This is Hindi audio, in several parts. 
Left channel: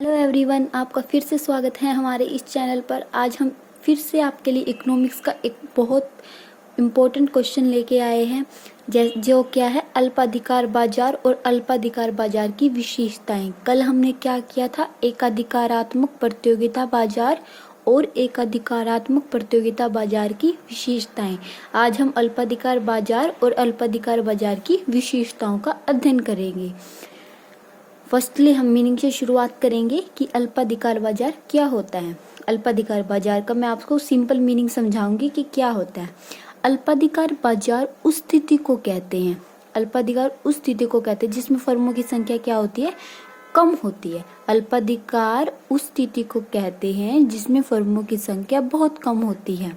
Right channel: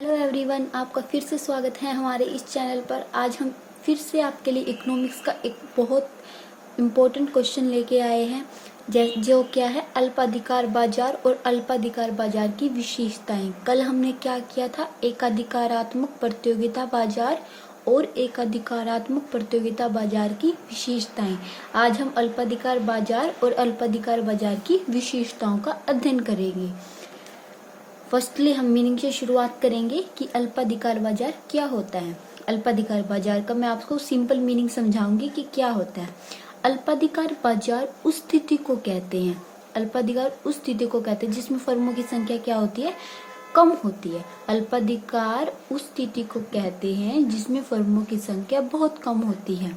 हेलो एवरीवन, आपका फिर से स्वागत है हमारे इस चैनल पर। आज हम फिर से आपके लिए इकोनॉमिक्स का एक बहुत इम्पोर्टेंट क्वेश्चन लेके आए हैं, जो क्या है अल्पाधिकार बाजार और अल्पाधिकार बाजार की विशेषताएं। कल हमने क्या किया था, एकाधिकारात्मक प्रतियोगिता बाजार और एकाधिकारात्मक प्रतियोगिता बाजार की विशेषताएं। आज हम अल्पाधिकार बाजार और अल्पाधिकार बाजार की विशेषताओं का अध्ययन करेंगे। फर्स्टली हम मीनिंग से शुरुआत करेंगे कि अल्पाधिकार बाजार क्या होता है। अल्पाधिकार बाजार का मैं आपको सिंपल मीनिंग समझाऊंगी कि क्या होता है। अल्पाधिकार बाजार उस स्थिति को कहते हैं, अल्पाधिकार उस स्थिति को कहते हैं जिसमें फर्मों की संख्या क्या होती है, कम होती है। अल्पाधिकार उस स्थिति को कहते हैं जिसमें फर्मों की संख्या बहुत कम होती है।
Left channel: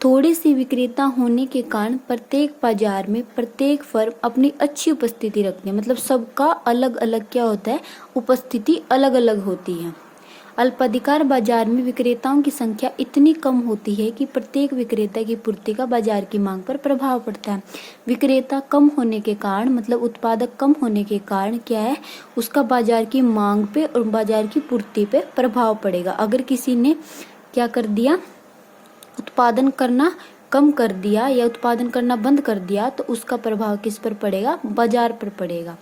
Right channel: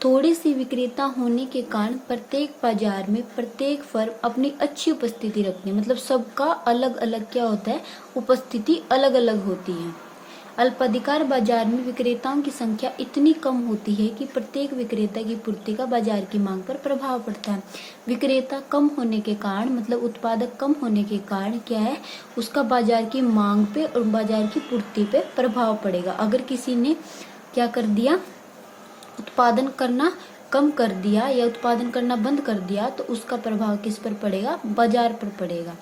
थोड़े से विक्रेता होने के कारण प्रत्येक बाजार में प्रत्येक फर्म अपनी अच्छी उपस्थिति रखती है, मतलब सबका अलग अलग क्या होता है, उपस्थिति अलग अलग होती है। अल्पाधिकार बाजार में विक्रेताओं की संख्या इतनी कम होती है कि प्रत्येक विक्रेता की पूर्ति का बाजार की मांग पर प्रभाव पड़ता है। विक्रेता कम होने के कारण, मतलब उत्पादक कम होने के कारण क्या है, उसका बाजार की मांग पे और बाजार की पूर्ति पे प्रभाव पड़ेगा। अगर किसी ने क्या कर दिया, उत्पादन करना कम कर दिया या उत्पादन करना बंद कर दिया, तो उसका प्रभाव किस पर पड़ेगा, बाजार पर पड़ेगा।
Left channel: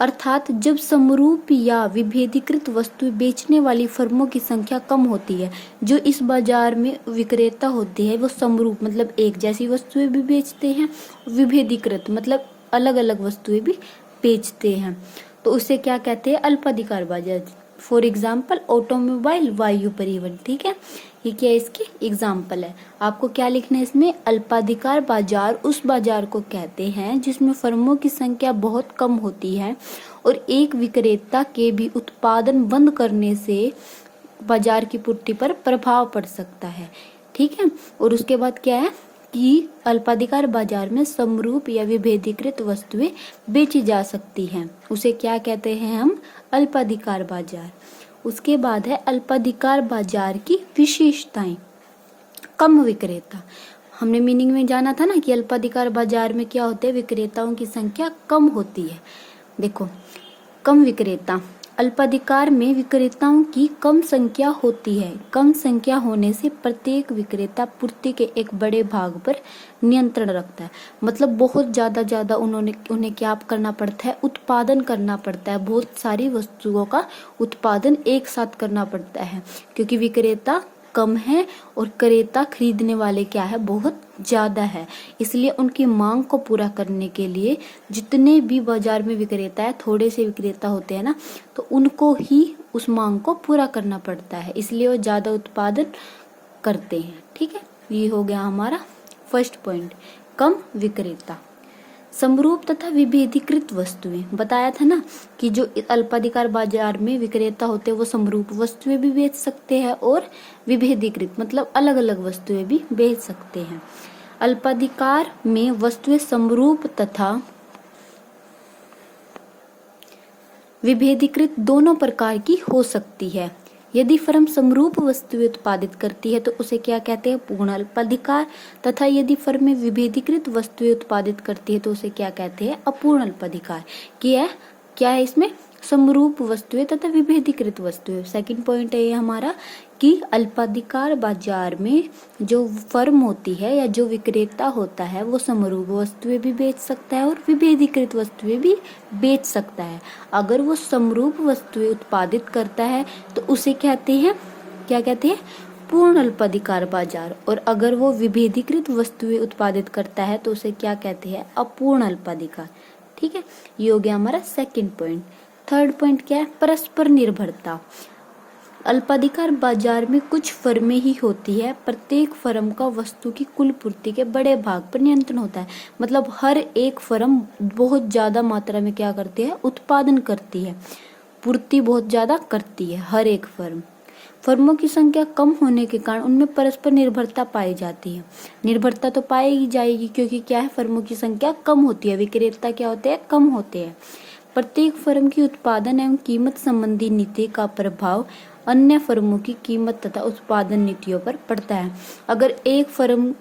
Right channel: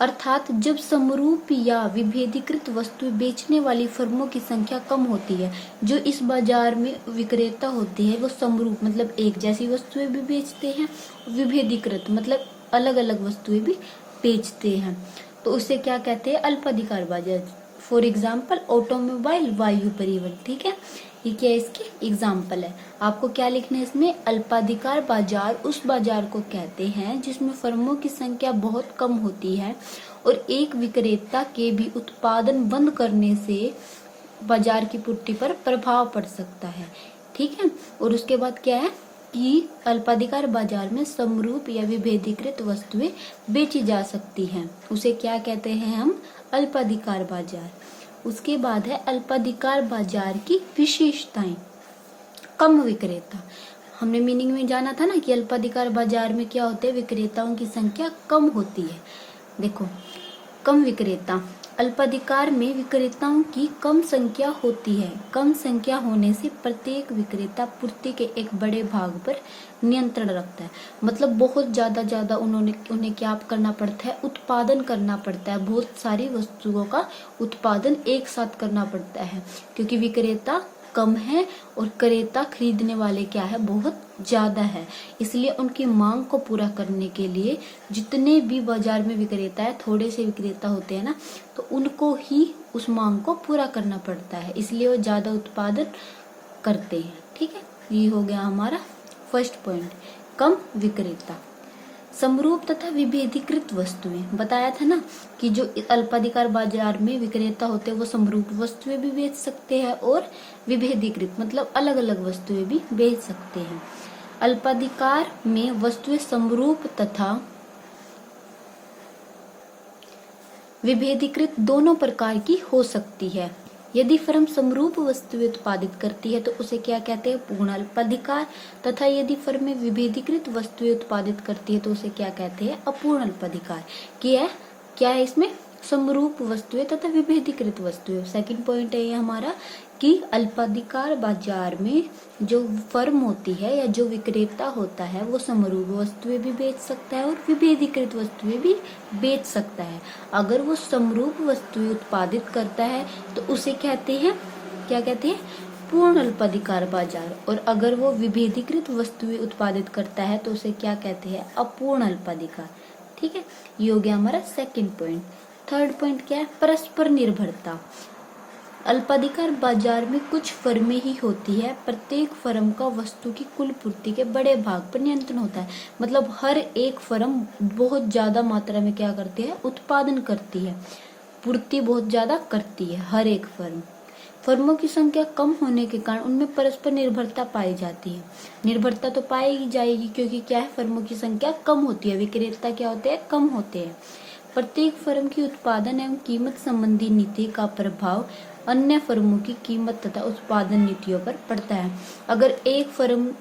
अर्थात जब समरूप या विभेदीकृत वस्तुएं बेचने वाली फर्मों की संख्या कम होती है, जो इस बाजार में विक्रेता होती है वो समरूप मतलब एक जैसी वस्तुएं भी बेचते हैं, विभेदीकृत मतलब अलग अलग वस्तुएं भी बेचते हैं, तो उसे क्या कहते हैं, अल्पाधिकार बाजार। फॉर एग्जाम्पल ऑटोमोबाइल, वायु परिवहन। ठीक है, ये क्या इसके एग्जाम्पल है। आपको क्या लिखना है इसमें, अल्पाधिकार बाजार उस बाजार को कहते हैं जिसमें फर्मों की संख्या बहुत कम होती है और एक विक्रेता के भी उत्पादन बंद करने से बाजार की पूर्ति पर प्रभाव पड़ सकता है। ठीक है, और उसके बाद क्या है कि अल्पाधिकार बाजार में समरूप या विभेदीकृत वस्तुएं बेची जा सकती हैं, उसे क्या कहते हैं हम, अल्पाधिकार बाजार। उसके बाद है अल्पाधिकार बाजार की विशेषताएं। कम विक्रेता, हमने मीनिंग में जाना था ना कि अल्पाधिकार बाजार में क्या होते हैं, विक्रेताओं की संख्या कम होती है। देखो, कम विक्रेता, अल्पाधिकार में विक्रेताओं की कम संख्या होती है। कम संख्या होने से प्रत्येक विक्रेता पूर्ति के एक बड़े भाग पर नियंत्रण रखता है, मतलब बहुत ज्यादा उन्हें क्या करना पड़ता है, उत्पादन करना पड़ता है। बहुत सारी वस्तुओं का उत्पादन एक साथ करना पड़ता है, क्योंकि विक्रेता कम है और क्रेता खरीदने वाले क्या है, बहुत ज्यादा है। इसलिए उनकी मांग को पूरा करने के लिए जितने भी बाजार में विक्रेता है, थोड़े से विक्रेता होते हैं ना, तो उनको ही उस मांग को पूरा करना पड़ता है, इसलिए वो ज्यादा उत्पादन करते हैं। ठीक है, ये हो गया हमारा फर्स्ट पॉइंट, कम विक्रेता। समरूप तथा विभेदीकृत वस्तुएं, बताया था ना कि जो अल्पाधिकार बाजार में विक्रेता होते हैं वो समरूप वस्तुएं भी बेच सकते हैं और विभेदीकृत मतलब अलग अलग वस्तुएं भी बेच सकते हैं। अल्पाधिकार में वस्तुएं समरूप तथा विभेदीकृत दोनों प्रकार की हो सकती है। यदि फर्म समरूप वस्तुएं उत्पादित करती है तो उसे क्या कहते हैं, पूर्ण अल्पाधिकार, तथा यदि फर्म में विभेदीकृत वस्तुएं उत्पादित करती है तो उसे क्या कहते हैं, अपूर्ण अल्पाधिकार। क्या है इसमें, समरूप वस्तुएं तथा विभेदीकृत वस्तुएं। सेकंड पॉइंट है ये हमारा कि अल्पाधिकार बाजार में जो फर्म होती है या जो विक्रेता होता है वो समरूप वस्तुएं भी बेच सकता है और विभेदीकृत वस्तुएं भी बेच सकता है। अगर वो समरूप वस्तुएं उत्पादित करता है तो उसे कहते हैं, क्या कहते हैं, पूर्ण अल्पाधिकार बाजार, और अगर वो विभेदीकृत वस्तुएं उत्पादित करता है तो उसे क्या कहते हैं, अपूर्ण अल्पाधिकार। ठीक है, ये हो गया हमारा सेकंड पॉइंट। थर्ड पॉइंट क्या है, परस्पर निर्भरता। अल्पाधिकार बाजार में कुछ फर्में ही होती है, प्रत्येक फर्म का वस्तु की कुल पूर्ति के बड़े भाग पर नियंत्रण होता है, मतलब हर एक फर्म बहुत ज्यादा मात्रा में क्या करती है, उत्पादन करती है, पूर्ति बहुत ज्यादा करती है हर एक फर्म। फर्मों की संख्या कम होने के कारण उनमें परस्पर निर्भरता पाई जाती है। निर्भरता तो पाई ही जाएगी क्योंकि क्या है, फर्मों की संख्या कम होती है, विक्रेता क्या होते हैं, कम होते हैं। प्रत्येक फर्म की उत्पादन एवं कीमत संबंधी नीति का प्रभाव अन्य फर्मों की कीमत तथा उत्पादन नीतियों पर पड़ता है। अगर एक फर्म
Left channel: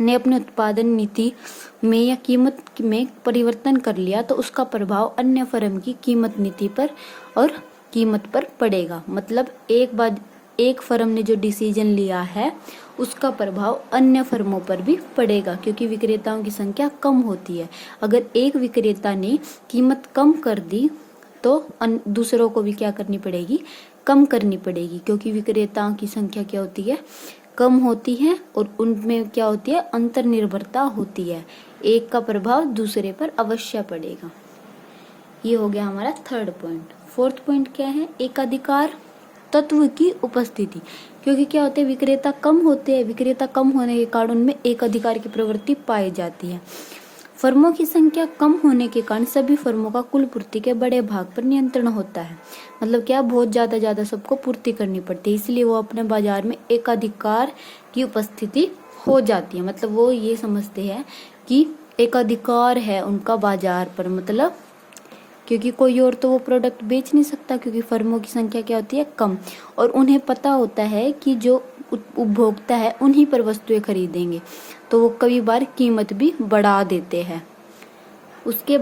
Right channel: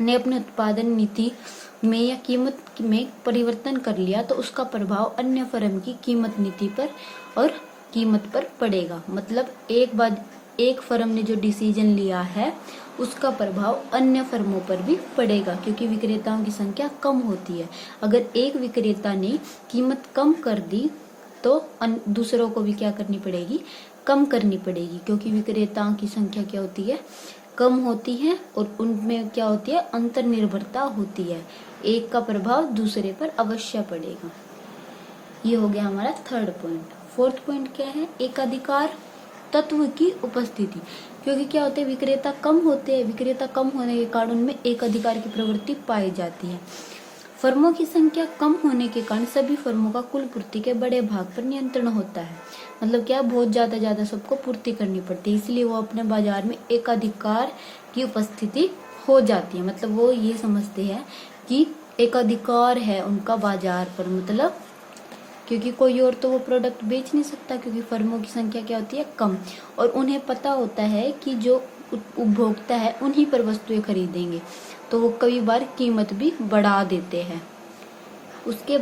ने अपने उत्पादन नीति में या कीमत में परिवर्तन कर लिया तो उसका प्रभाव अन्य फर्म की कीमत नीति पर और कीमत पर पड़ेगा। मतलब एक फर्म ने जो डिसीजन लिया है उसका प्रभाव अन्य फर्मों पर भी पड़ेगा, क्योंकि विक्रेताओं की संख्या कम होती है। अगर एक विक्रेता ने कीमत कम कर दी तो दूसरों को भी क्या करनी पड़ेगी, कम करनी पड़ेगी, क्योंकि विक्रेताओं की संख्या क्या होती है, कम होती है और उनमें क्या होती है, अंतर्निर्भरता होती है। एक का प्रभाव दूसरे पर अवश्य पड़ेगा। ये हो गया हमारा थर्ड पॉइंट। फोर्थ पॉइंट क्या है, एकाधिकार तत्व की उपस्थिति। क्योंकि क्या होते हैं, विक्रेता कम होते हैं, विक्रेता कम होने के कारण उनमें एकाधिकार की प्रवृत्ति पाई जाती है। फर्मों की संख्या कम होने के कारण सभी फर्मों का कुल पूर्ति के बड़े भाग पर नियंत्रण होता है। मतलब क्या, बहुत ज्यादा सबको पूर्ति करनी पड़ती है, इसलिए वो अपने बाजार में एकाधिकार की उपस्थिति हो जाती है। मतलब वो ये समझते हैं कि एकाधिकार है उनका बाजार पर, मतलब क्योंकि कोई और तो वो प्रोडक्ट बेच नहीं सकता, क्योंकि फर्मों की संख्या क्या होती है, कम, और उन्हें पता होता है कि जो उपभोक्ता है उन्हीं पर वस्तुएं खरीदेंगे, तो वो कई बार कीमत भी बढ़ा देते हैं। उसके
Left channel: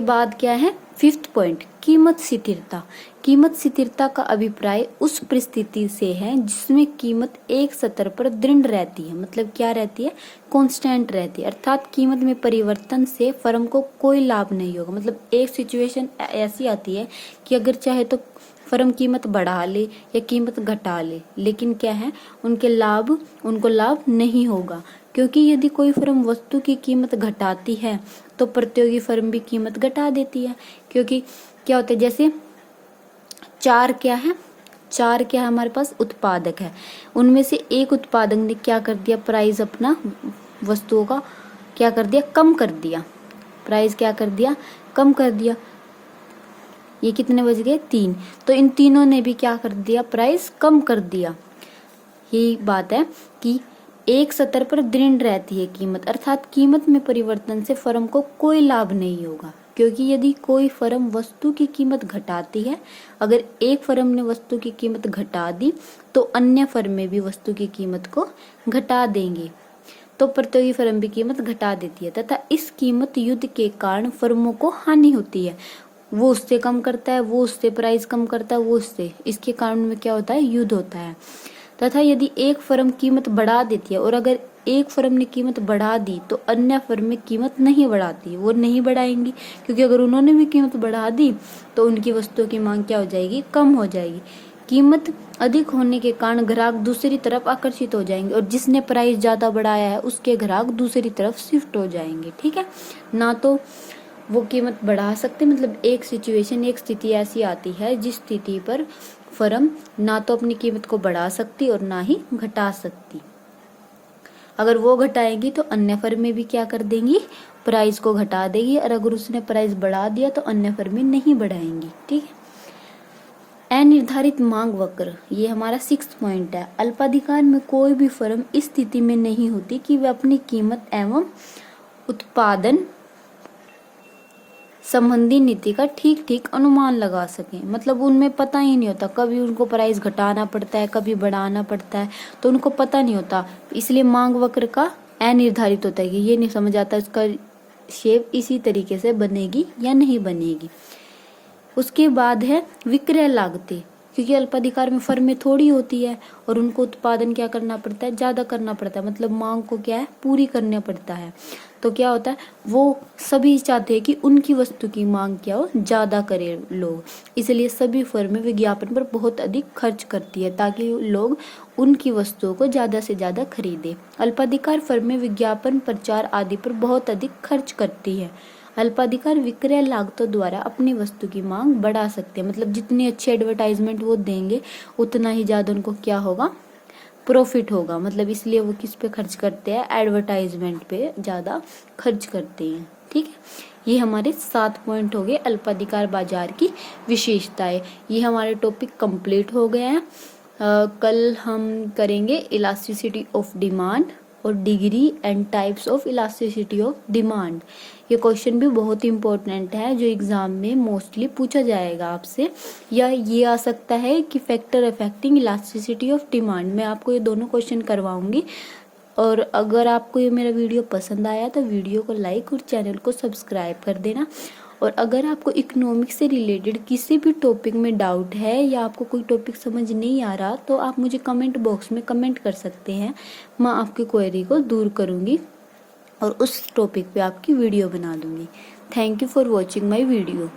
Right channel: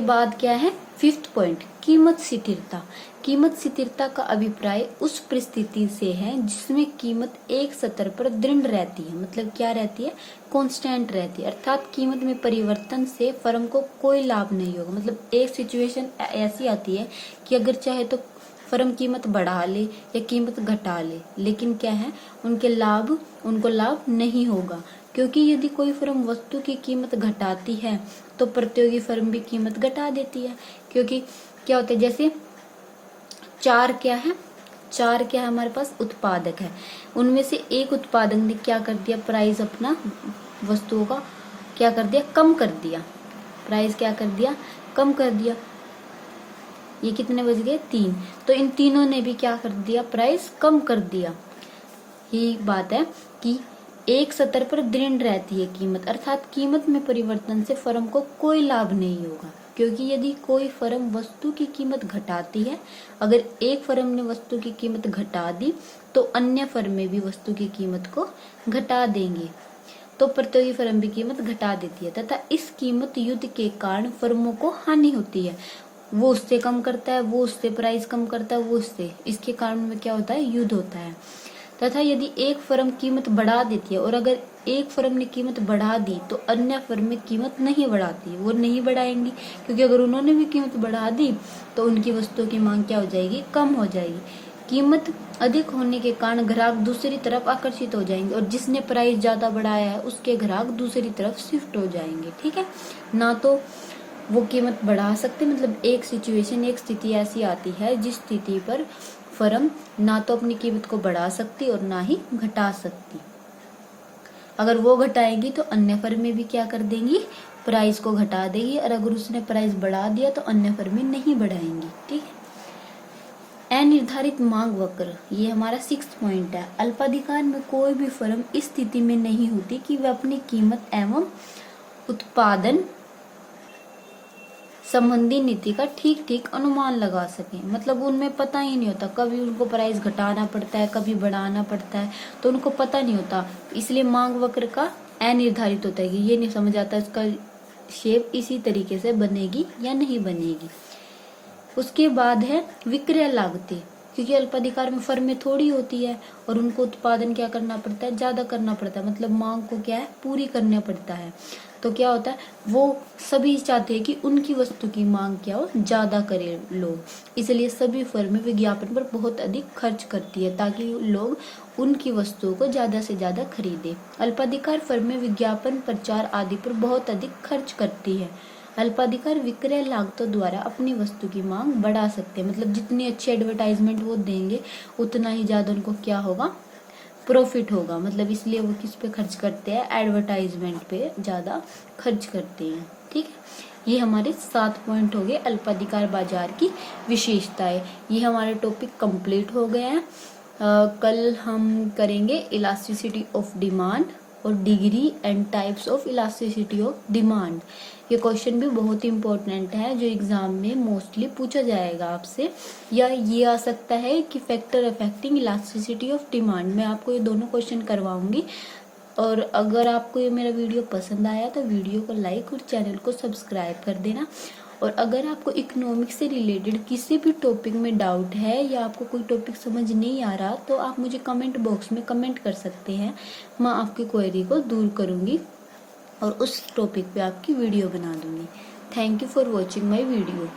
बाद क्या है, फिफ्थ पॉइंट, कीमत स्थिरता। कीमत स्थिरता का अभिप्राय उस परिस्थिति से है जिसमें कीमत एक स्तर पर दृढ़ रहती है। मतलब क्या रहती है, कांस्टेंट रहती है, अर्थात कीमत में परिवर्तन से फर्म को कोई लाभ नहीं होगा। मतलब एक सिचुएशन ऐसी आती है कि अगर चाहे तो फर्म कीमत बढ़ा ले या कीमत घटा ले, लेकिन क्या है, उनको लाभ नहीं होगा, क्योंकि यदि कोई फर्म वस्तु की कीमत घटाती है तो प्रतियोगी फर्म भी कीमत घटा देती है। क्योंकि क्या होता है, जैसे चार क्या है हमारे पास उत्पादक है, उनमें से एक उत्पादक ने क्या कर दिया, प्राइस अपना वस्तुओं का क्या कर दिया, कम कर दिया, प्राइस क्या कर दिया, कम कर दिया। ये कितने बज गए, 3, तो इन तीनों ने भी क्या कर दिया, प्राइस कम कर दिया। यही बात है कि एक स्तर पर दृढ़ रहती है कीमत, अर्थात कीमत में परिवर्तन से फर्म को कोई लाभ नहीं होगा। क्योंकि यदि कोई फर्म वस्तु की कीमत घटाती है, अगर एक फर्म ने वस्तु की कीमत घटा दी तो अन्य फर्में भी वस्तु की कीमत को घटा देंगे, तो प्रतियोगी फर्म भी कीमत घटा देती है, तथा इस कीमत युद्ध के कारण फर्मों को हानि होती है। वो उससे कम करता है, वो उससे प्राइस कम करता है, वो उससे, इसके कारण में क्या होता है, युद्ध होता है। तथा यदि एक फर्म कीमत बढ़ा देती है, और अगर एक फर्म ने कीमत बढ़ा दी तो अन्य फर्म में कीमत नहीं बढ़ाती, वो नहीं बढ़ाएंगी, क्योंकि अगर उन्होंने भी कीमत बढ़ा दी तो उनकी वस्तुओं की मांग क्या हो जाएगी, कम हो जाएगी। कीमत अधिक होने के कारण ग्राहक दूसरी तरफ आकर्षित हो जाएंगे, और जिसने प्राइस ज्यादा बढ़ाया है उसके ग्राहक दूसरी तरफ शिफ्ट हो जाएंगे। ठीक है, ना तो वो कीमत बढ़ा सकते, मतलब एक स्थिति ऐसी आती है जिस स्थिति पर फर्म ना तो अपनी कीमत को बढ़ा सकती और ना ही घटा सकती। अगर वो घटाएगी तो अन्य फर्में भी क्या कर देंगी, प्राइस को घटा देगी, और अगर उसने प्राइस बढ़ा दिया तो अन्य फर्में नहीं बढ़ाएंगी। ठीक है, अनिर्धारित मांग वक्र, ये हमारा 6th पॉइंट है। अल्पाधिकार में कोई भी फर्म इस स्थिति में नहीं होती कि वे अपनी कीमत एवं उत्पादन संबंधी नीति का ठीक अनुमान लगा सकें। मतलब उनमें पता ही नहीं होता, कभी उनको प्राइस घटाना पड़ता है, कभी बढ़ाना पड़ता है, तो उनको पता नहीं होता, इसलिए मांग वक्र का अनिर्धारित होता है कि ये नहीं समझ आता इसका शेप इसी तरीके से बनेगी या नहीं बनेगी। उसके बाद है विक्रय लागतें, क्योंकि अल्पाधिकार में फर्में थोड़ी होती है और उनको उत्पादन क्या करना पड़ता है, ज्यादा करना पड़ता है, मतलब मांग को क्या है, पूरी करना पड़ता है। तो क्या होता है, वो सभी चाहते हैं कि उनकी वस्तु की मांग क्या हो, ज्यादा करे लोग, इसलिए सभी फर्में विज्ञापन पर बहुत अधिक खर्च करती है ताकि लोग उनकी वस्तुओं को ज्यादा से ज्यादा खरीदे। अल्पाधिकार फर्में विज्ञापन, प्रचार आदि पर बहुत अधिक खर्च करती है। अल्पाधिकार विक्रय लागतों द्वारा अपनी वस्तु की मांग बढ़ा सकते हैं, मतलब जितनी अच्छी एडवर्टाइजमेंट वो देंगे उतना ही ज्यादा उनको क्या होगा, प्रॉफिट होगा। मतलब इसलिए वो किस पे खर्च करते हैं, एडवर्टाइजमेंट पे ज्यादा खर्च करते हैं। ठीक है, ये हमारे 7 पॉइंट हो गए अल्पाधिकार बाजार की विशेषताएं। ये हमारे टॉपिक कंप्लीट हो गए हैं। कल हम करेंगे इलास्टिसिटी ऑफ डिमांड और degree and types of elasticity of demand. ये क्वेश्चन भी बहुत इंपॉर्टेंट है जो एग्जाम में मोस्टली पूछा जाएगा आपसे, या ये आ सकता है कि factor affecting elasticity of demand. मैं आपको ये दोनों क्वेश्चन करवाऊंगी। और अगर आपको ये मेरा वीडियो पसंद आया तो वीडियो को लाइक और चैनल को सब्सक्राइब कर देना। और अगर आपको इकोनॉमिक्स से रिलेटेड किसी भी टॉपिक में डाउट है या आपको कोई टॉपिक समझ नहीं आ रहा तो आप मुझे कमेंट बॉक्स में कमेंट कर सकते हैं। मैं आपकी क्वेरी को दूर करूंगी और उस टॉपिक पे आपकी वीडियो बना दूंगी। Thank you for watching my video.